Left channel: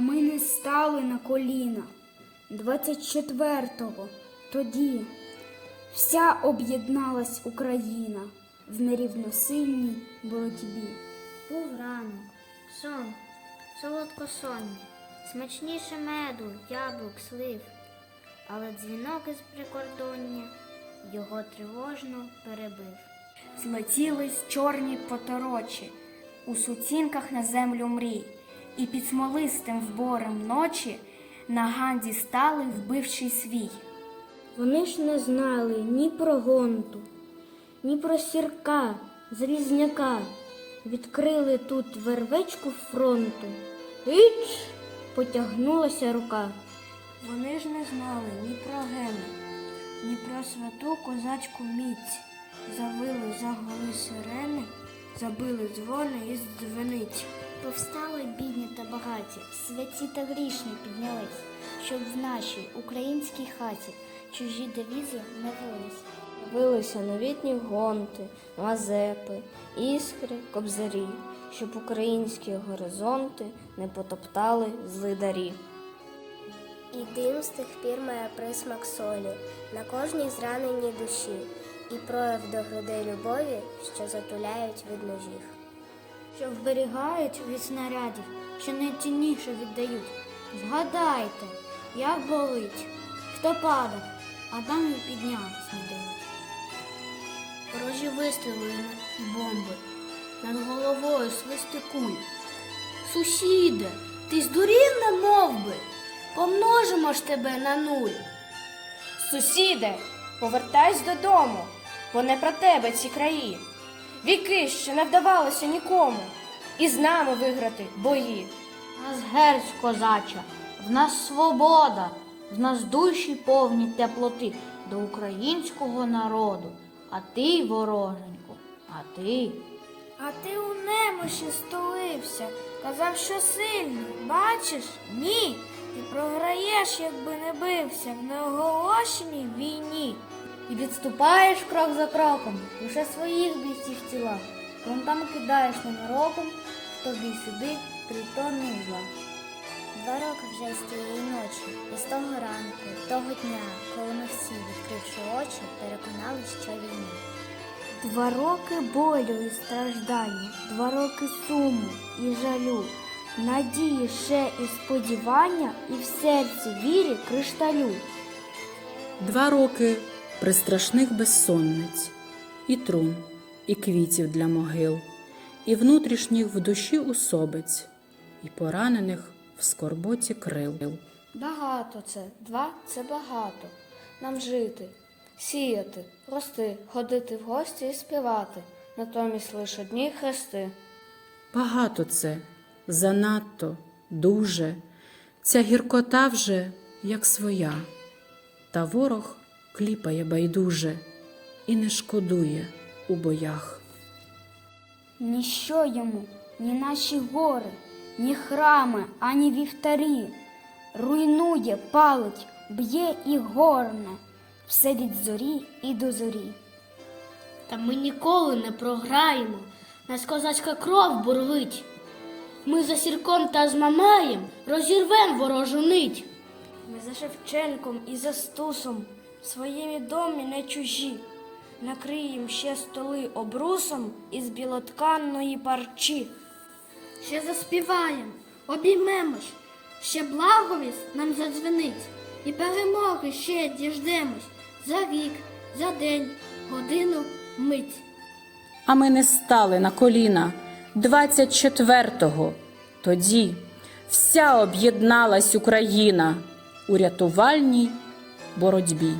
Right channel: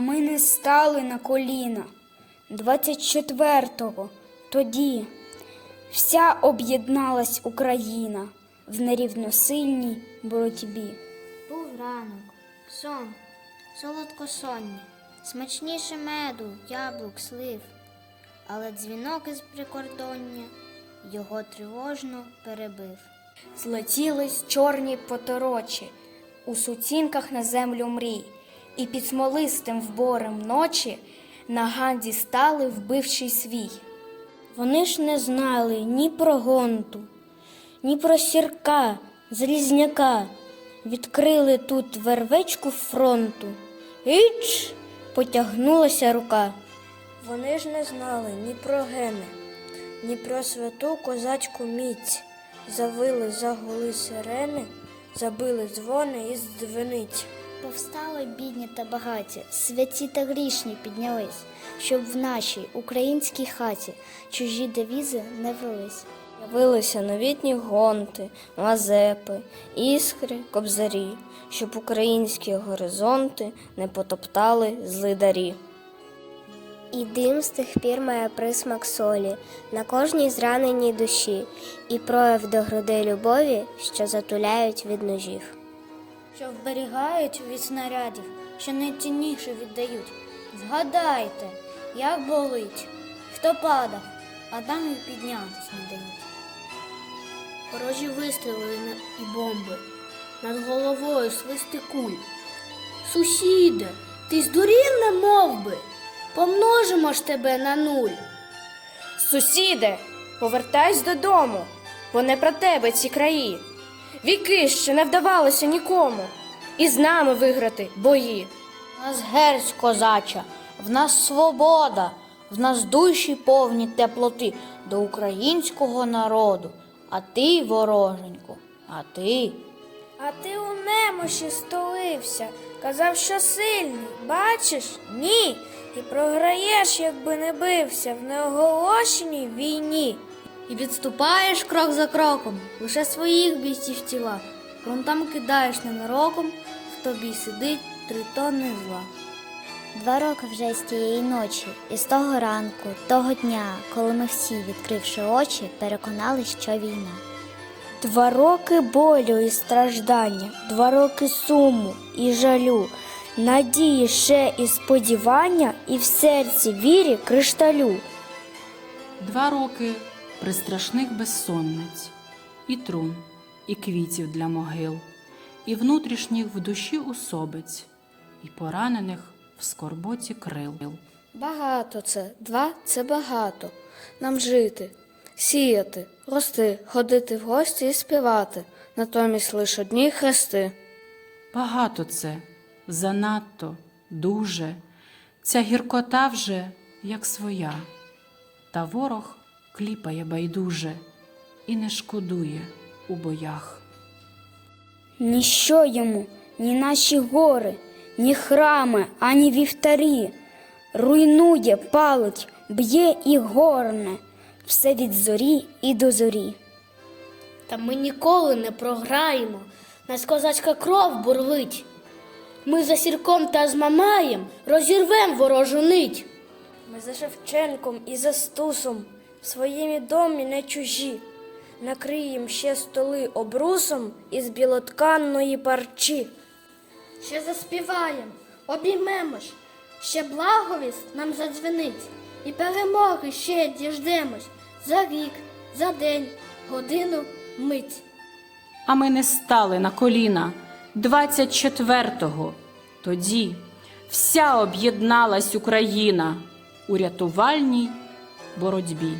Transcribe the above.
ми не стали на коліна. 24-го тоді вся об'єдналась Україна в нерівносильній боротьбі. Був ранок, сон, солодкосоння, смачніше меду, яблук, слив, але дзвінок із прикордоння його тривожно перебив. Злетілись чорні поторочі у сутінках на землю мрій, і під смолистим вборем ночі на ганді стали вбивший свій. Вони ж не знали ні про гонту, ні про сірка, залізняка. Відкрили тут вервечку фронту. Іч! потягнулася рука. Вони ж не знали ні про гени, ні про святу козацьку міць. Завили загули сирени, забили дзвони із дзвениць. Повстали бідні та багаті, святі та грішні піднялись, щоб в нашій українській хаті чужі девізи не велись. Явилися новітні гонти, мазепи, іскри, кобзарі, щоб українські горизонти не потоптали злидарі. І дим з тих пір має присмак солі на кожній зраненій душі, і прояв до грудей любові, що затуляють від ножів. Що вберігають від снарядів, що найцінніше віддають. Згадайте, як болить, хто падав, а там і піднятись не дають. Ворожі вистріли і бомби, над головою свисти куль. Сусіде, ти здурів не мов би, помножимо ж тебе на нуль. Сусіде, повертайся додому, бо не про тебе ці краї. Віки ще не вдавалося нікому, і з нами виграти бої. В нас герць козача, в нас свобода, в нас душі повні теплоти до українського народу. А ти, вороженьку, а ти. А ти у немощі столився, казав, що сильний. Бачиш? Ні. І програєш, якби не бився в неоголошеній війні. І відступаєш крок за кроком, лише своїх бійців тіла. Фронтам кидаєш ненароком, в тобі сидить три тонни зла. Два роки вже з тієї ночі, і з того ранку, того дня, коли ми всі, відкривши очі, переконались, що війна. Два роки болю і страждання, два роки суму і жалю, надії ще і сподівання, і в серці вірі кришталю. Два роки пристрашних безсонниць, і трун, і квітів для могил, і внутрішніх в душі усобиць, і поранених в скорботі крил. Багато це, два це багато. Нам жити, сіяти, рости, ходити в гості і співати, натомість лише одні хрести. Багато це, занадто, дуже, ця гіркота вже як своя, та ворог кліпає байдуже і не шкодує у боях. Ніщо йому, ні наші гори, ні храми, ані вівтарі. Руйнує, палить, б'є і горне, все від зорі і до зорі. Та ми ніколи не програємо, нас козацька кров бурлить. Ми за сірком та з Мамаєм розірвем ворожу нить. Ми за Шевченком і за Стусом в своєму домі не чужі. Накриєм ще столи обрусом із білотканної парчі. Ще заспіваєм, обіймемось, ще благовість нам задзвенить, і перемоги ще діждемось за вік, за день, годину, мить. А ми не стали на коліна 24-го. Тоді вся об'єдналась Україна у рятувальній боротьбі.